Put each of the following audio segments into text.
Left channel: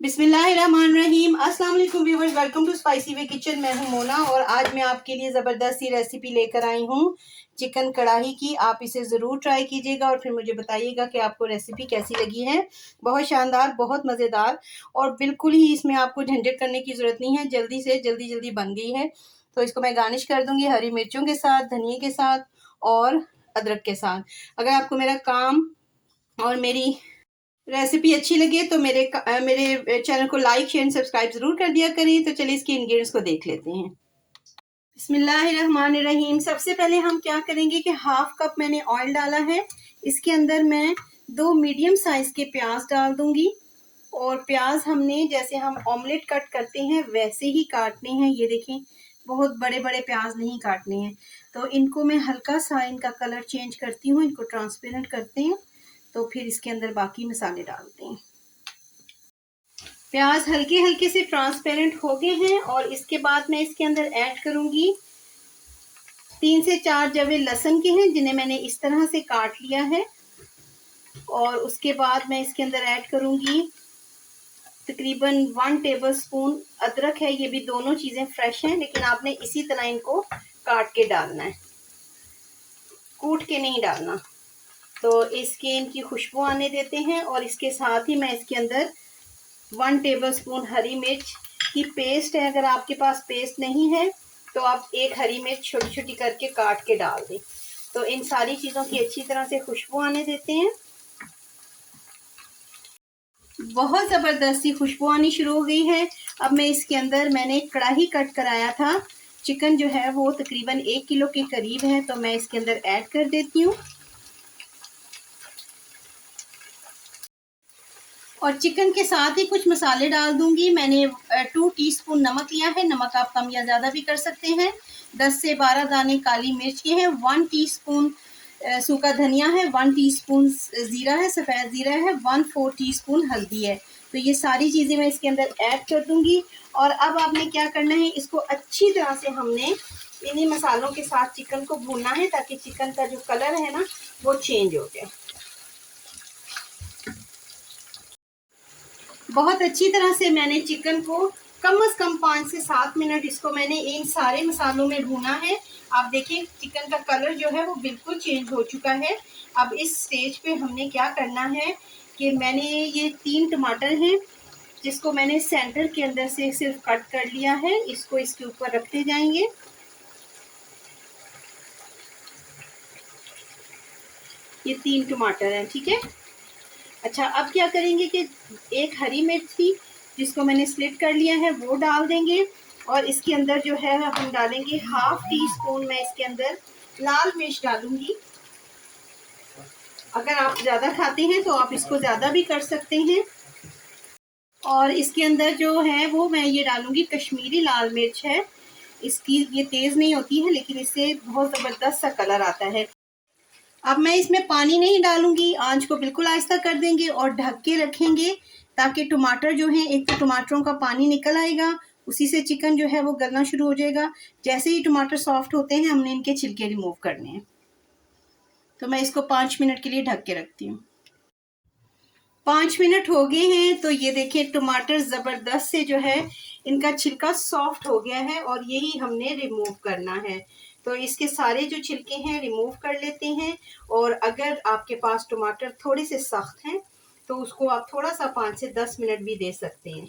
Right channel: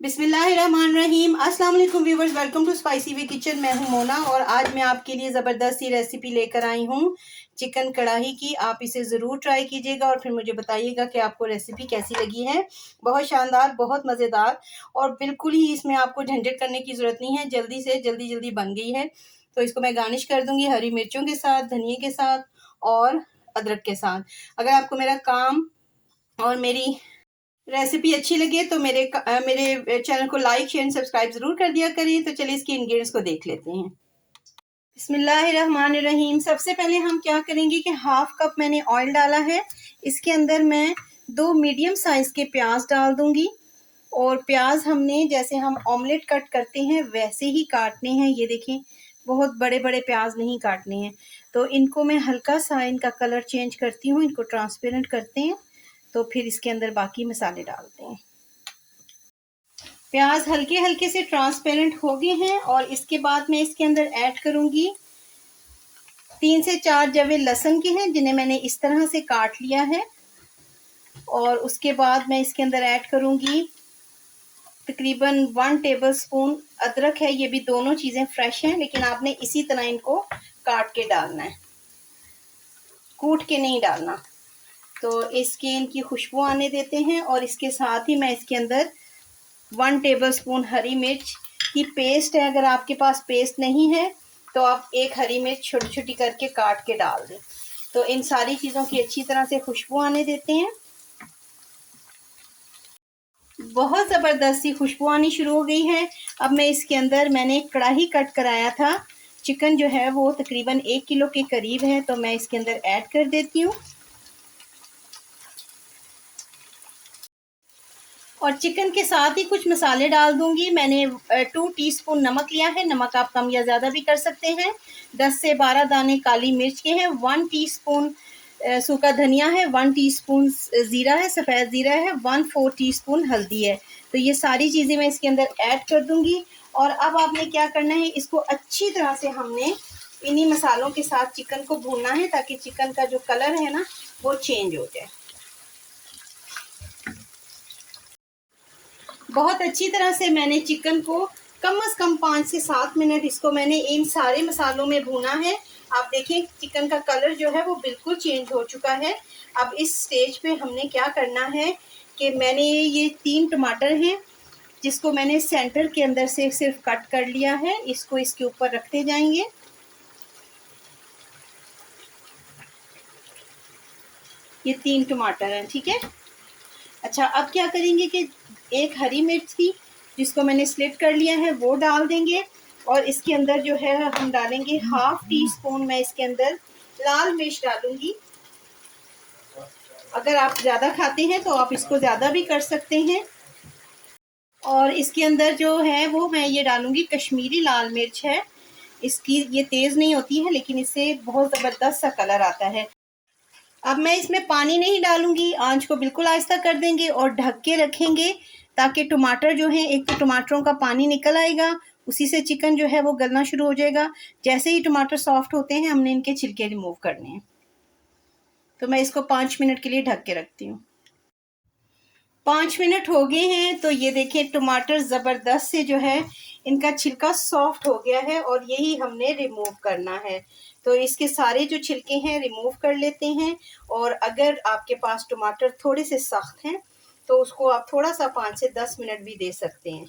बिस्मिल्लाहिर्रहमानिर्रहीम। अस्सलाम वालेकुम viewers, welcome to spicy way kitchen. मैं हूं मोना और आज मैं आपके लिए ज़बरदस्त सी रेसिपी लेकर आई हूं चिकन कढ़ाई की। आप इसे ज़रूर ट्राई कीजिएगा और फिर मुझे बताइएगा कि आपको रेसिपी कैसी लगी है। बहुत शानदार, बहुत मज़ेदार और बिल्कुल ही इसमें आपको झंझट करने की ज़रूरत नहीं है। जल्दी से जल्दी बन गई है। तो इसको मैं गार्निश कर दूँगी हरी मिर्चों के साथ, धनिए के साथ और अदरक के साथ। अगर आपको मेरा काम और मेरी रेसिपी अच्छी लगे तो मेरे चैनल को लाइक शेयर सब्सक्राइब ज़रूर कर दिया करें। तो चलिए इसके इंग्रेडिएंट्स को देख लेते हैं। बिस्मिल्लाहिर्रहमानिर्रहीम। सबसे पहले हम क्या करेंगे कि हाफ कप मैंने ऑयल डाला है। इसके अंदर मैं 2 मीडियम साइज़ के प्याज डाल दूंगी और प्याज हमने जैसे हम ऑमलेट कट करते हैं वैसे ही काटने हैं। ये देखें, बहुत बड़े बड़े प्याज नहीं काटने हैं। तो इनको मैं हल्का सा इनका कलर चेंज करती हूँ, इनको ट्रांसपेरेंट करते हैं। तो फिर इसके अंदर बाकी मसाले डालते हैं। प्याज हल्के हल्के से ट्रांसपेरेंट हो गए हैं और इसके बाद मैं इसके अंदर ऐड करूंगी 3 से 4 जवे लहसुन के हैं जिन्हें मैंने इस तरह से काट लिया है। और उसके बाद मैं इसके अंदर ऐड करूंगी तकरीबन 1 टेबलस्पून अदरक है। ये भी दोनों चीज़ें फ्रेश हैं लेकिन आपने इसी तरह इनको काट के डालना है, कूट के नहीं डालना। तो इसकी इनकी खुशबू आने देते हैं और इसके साथ ही मैं इसके अंदर 1 टेबलस्पून हरी मिर्च की पेस्ट है। अगर आपके पास पेस्ट नहीं है तो आप एक हरी मिर्च छोटी छोटी करके काट के डाल दें। तो इन सारी चीज़ों की अच्छी तरह से खुशबू आने देते हैं। बहुत ज़बरदस्त सी खुशबू आनी शुरू हो गई है। अब मैं इसके अंदर मैंने कढ़ाई कट कराया था, चिकन जो है वो तकरीबन 1 किलो के करीब है, तो मैं इसके अंदर ऐड कर देती हूँ। और चिकन के साथ ही कुछ मसाले डाल दूंगी। मैंने 2 टीस्पून नमक लिया है, नमक आप कम या ज़्यादा भी कर सकते हैं। 10 से 12 दाने काली मिर्च के हैं, 1 टीस्पून सूखा धनिया है, 1 टीस्पून ज़ीरा है, सफ़ेद ज़ीरा है, 1/4 टीस्पून हल्दी है। तो ये सारी चीज़ें मैं इसके अंदर ऐड कर दूंगी। और अब आपने क्या करना है, इसको अच्छी तरह से हमने इन्हीं मसालों के साथ चिकन को भूनना है ताकि चिकन का जो कलर है ना वो चेंज हो जाए। बहुत अच्छी तरह से मैंने चिकन को कम से कम 5 से 7 मिनट इसको मैंने इन सारे मसालों में भूना है। आप देखें चिकन का कलर जो है वो बिल्कुल चेंज हो चुका है। अब इस स्टेज पे हमने क्या करना है कि मैंने ये 3 टमाटर हैं जिसको मैंने सेंटर के अंदर से सिर्फ कट कर लिया है, इसको इसके ऊपर रखते जाएंगे। ये 3 टमाटर हैं, ठीक है। अच्छा, अब क्या करेंगे कि एक हरी मिर्च थी जिसको मैंने स्लिट कर लिया है वो डाल देंगे। और इसके अंदर जो है हम डालेंगे 1/2 टीस्पून, मैं इसके अंदर लाल मिर्च डालूंगी। अगर आप ज़्यादा खाते हैं तो आप इसको ज़्यादा भी कर सकते हैं। और इसके अंदर जो है वो मैं ये डालूंगी कश्मीरी लाल मिर्च है। इसकी ये तेज़ नहीं होती है लेकिन इससे बहुत ज़बरदस्त सा कलर आता है। अब मैं इसमें पानी नहीं डालूंगी, आंच को बिल्कुल आहिस्ता कर देंगे और ढक के रखेंगे ताकि टमाटर जो है, एक तो टमाटरों का पानी निकल आएगा, उसी से चिकन जो है वो गलना शुरू हो जाएगा। जैसे ही टमाटर सॉफ्ट होते हैं हमने इनके छिलके रिमूव करने हैं। तो मैं इसको 5 मिनट के लिए ढक के रखती हूँ। 5 मिनट हो गए हैं तो ये देखिए टमाटर ज़बरदस्त से जो है इनका छिलका सॉफ्ट हो गया है और यही हमने रिमूव करना है। तो इसके सारे जो छिलके हैं रिमूव कर लेते हैं। और अगर आपके पास टमाटर थोड़े से सख्त हैं तो उसको आप थोड़ा सा 5 से 10 मिनट भी दे सकते हैं।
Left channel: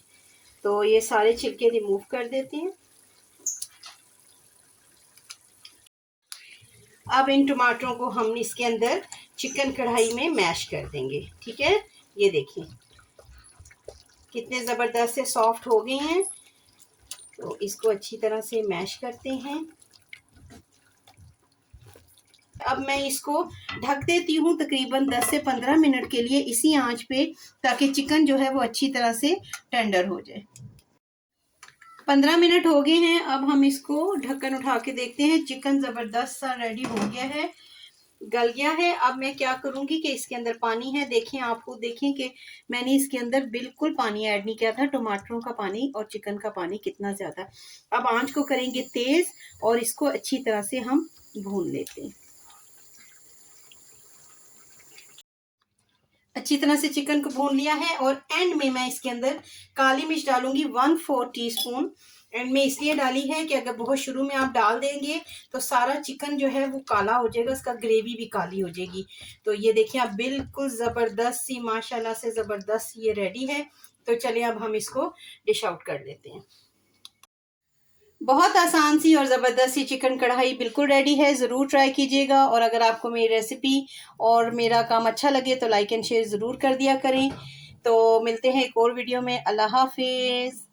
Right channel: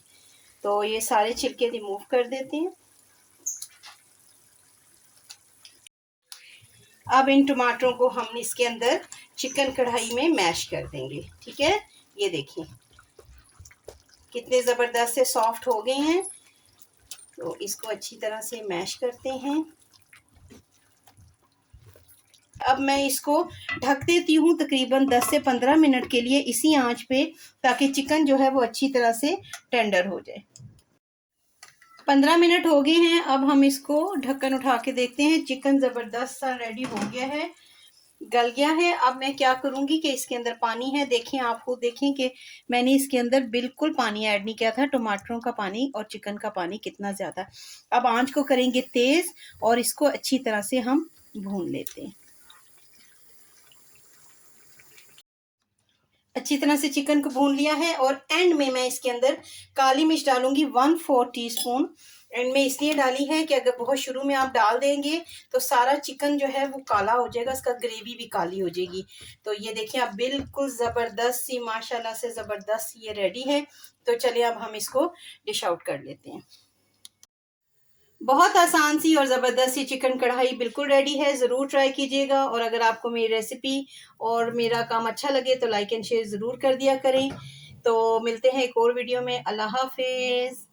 तो ये सारे छिलके रिमूव कर देते हैं। अब इन टमाटरों को हम इसके अंदर चिकन कढ़ाई में मैश कर देंगे, ठीक है। ये देखिए कितने ज़बरदस्त से सॉफ्ट हो गए हैं। तो इसको अच्छी तरह से मैश करते हैं। अब मैं इसको ढक देती हूँ तकरीबन 10 से 15 मिनट के लिए इसी आंच पे, ताकि चिकन जो है वो अच्छी तरह से टेंडर हो जाए। 15 मिनट हो गए हैं। अब हम इसको ढक्कन उठा के देखते हैं। चिकन ज़बरदस्त सा रेडी हो गया है, गल गया है। अब मैं क्या करूंगी कि इसके अंदर पानी है, देखें, आप खुद देखें कि मैंने इसके अंदर बिल्कुल पानी ऐड नहीं किया था। टमाटरों का पानी और चिकन का पानी कितना ज़्यादा। अब आंच को करेंगे तेज़ और इसको अच्छी तरह से हम भून लेते हैं। अच्छी तरह से चिकन को भून लिया है और एंड में मैं इसके अंदर काली मिर्च डालूंगी 1/4 टीस्पून। एंड में इसलिए डाली है कि अगर बहुत शुरू में आप डाल देंगे तो सारा चिकन जो है वो काला हो जाएगा, उसका ग्रेवी भी काली हो जाएगी। तो ये देखिए आप बिल्कुल ज़बरदस्त सी, माशाल्लाह से ज़बरदस्त ये रेडी है। तो चलिए अब हम इसको डिश आउट कर लेते हैं। बहुत आसान सी और ज़बरदस्त सी चिकन कढ़ाई बिल्कुल रेडी है, ज़रूर ट्राई कीजिएगा। और अगर आपको मेरी रेसिपी और मेरा काम अच्छा लगे तो लाइक एंड शेयर ज़रूर कर दिया करें। तो मिलते हैं एक और वीडियो में। अल्लाह हाफिज़।